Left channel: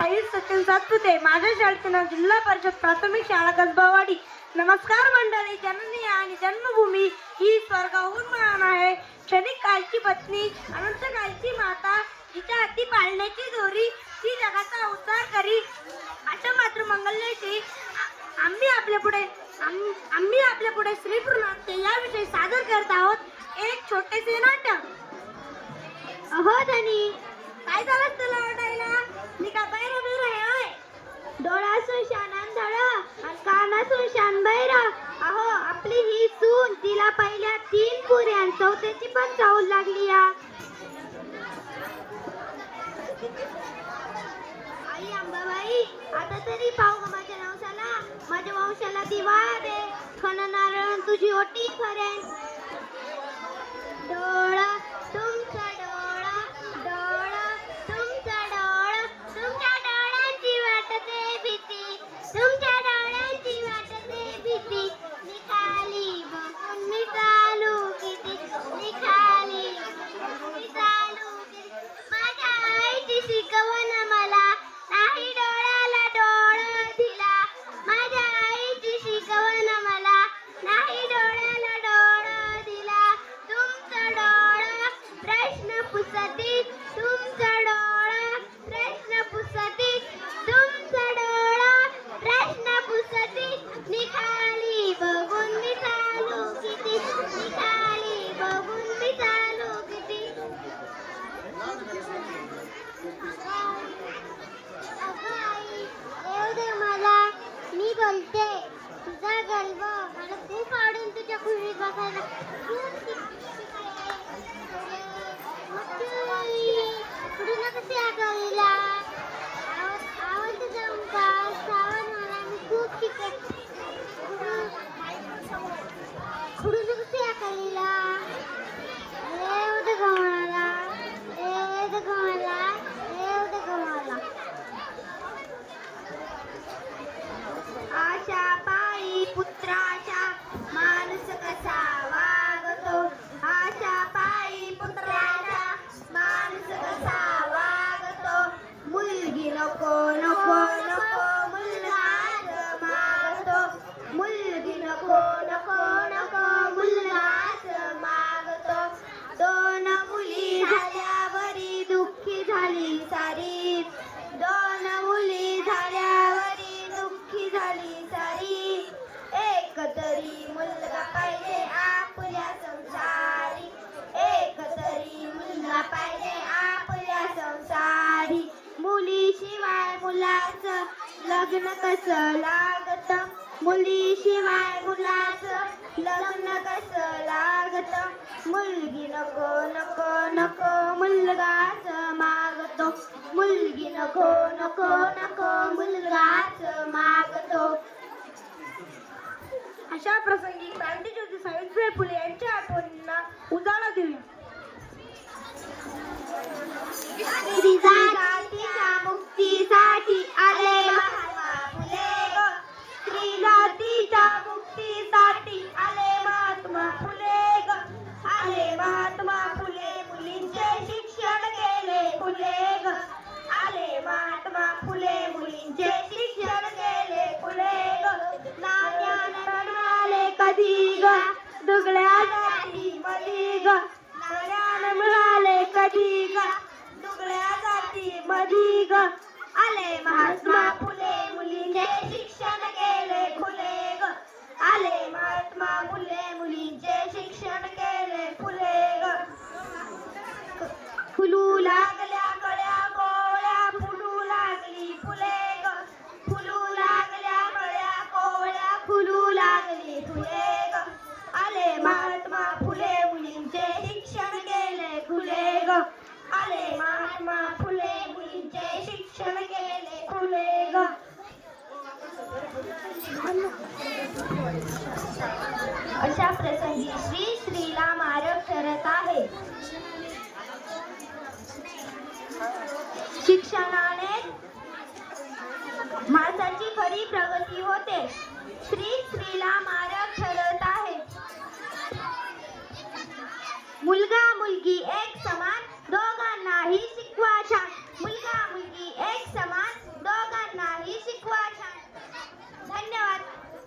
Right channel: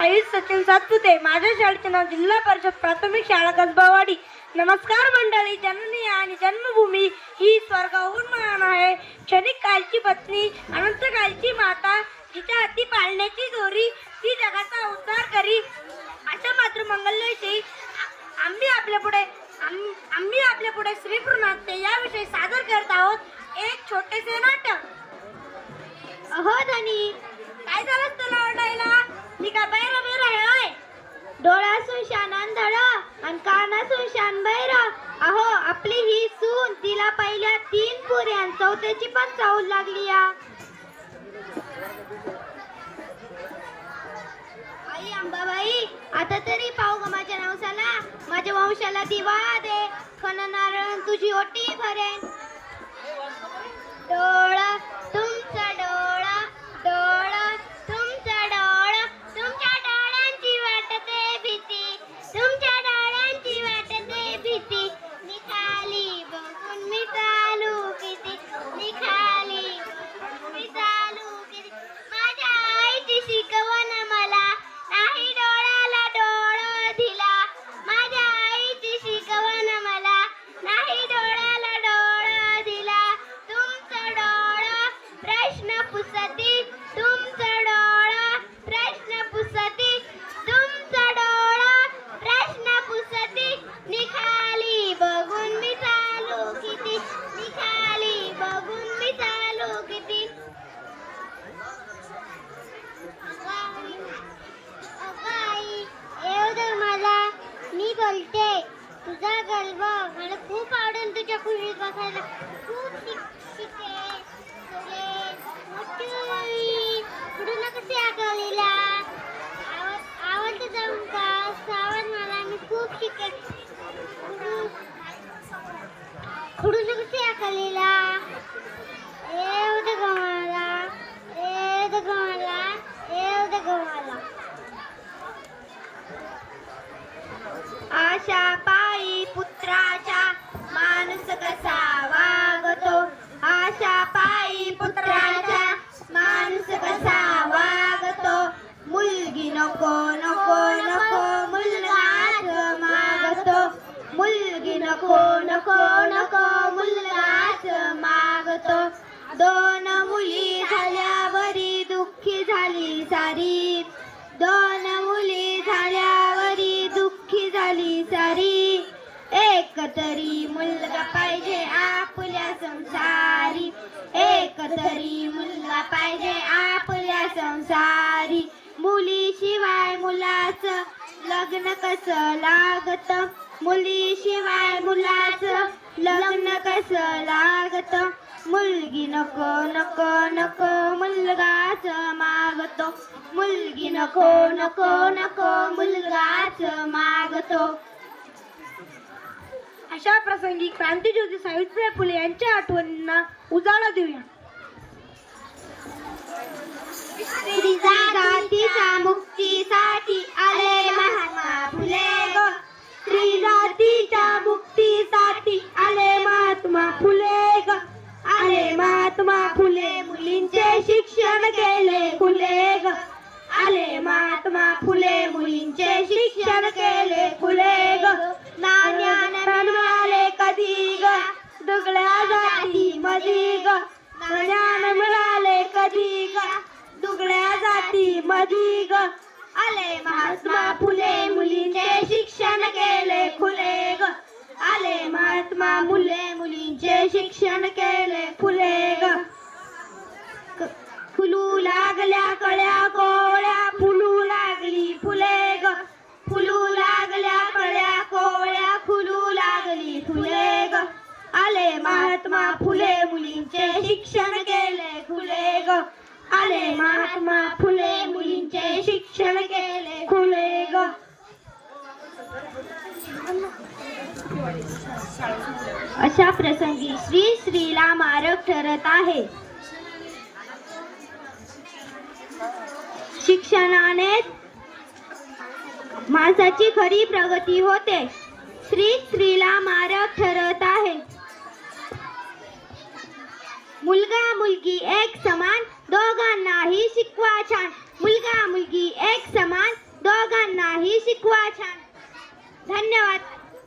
आई सचिन सातपुते माझ्या शाळेचे नाव जिल्हा परिषद प्राथमिक शाळा कसबावाडी. नमस्कार मंडळी जननी आणि जन्मभूमी ही स्वर्गाहून महान आहे. क्षणिक कालची पत्नी अनंत कालची माता जिच्या हाती पाळण्याची दोरी ती जगाचा उद्धार करी. अशा मात्र मंगलयते आम्ही आपल्या पुढे आम्ही आपल्या पुढे श्रीपूर नाट्य याविषयी सादर करत आहोत. एक छोटेसे नाटक. अहो धनी काय झालं तुला? पण चौथ्याची पण चाहूल लागली या. आई अंबाबाई आता तरी पाहू ग माझ्या नवसाला. माझ्या वंशाला दिवा दे. खन नारळ तुझी ओटी भरेन. डोळा नको नको नको मुलगाच मागतो. मुलगी नको नको नको मुलगाच मागतो. अशा प्रसंगी क्रांतीज्योती सावित्रीबाई फुले यांच्या आठवणींना उजाळा देऊया. मधी ग आले महात्मा फुले मुलींचे शिक्षण केले खुले ग आले महात्मा मुले मुलींचे शिक्षण केले अशा प्रसंगी श्री श्रीला मारक ठरत आहे. शिक्षणाने माणसाची खरी प्रगती होते. श्री स्त्रीला मारक ठरत आहे. मुलगा मुलगी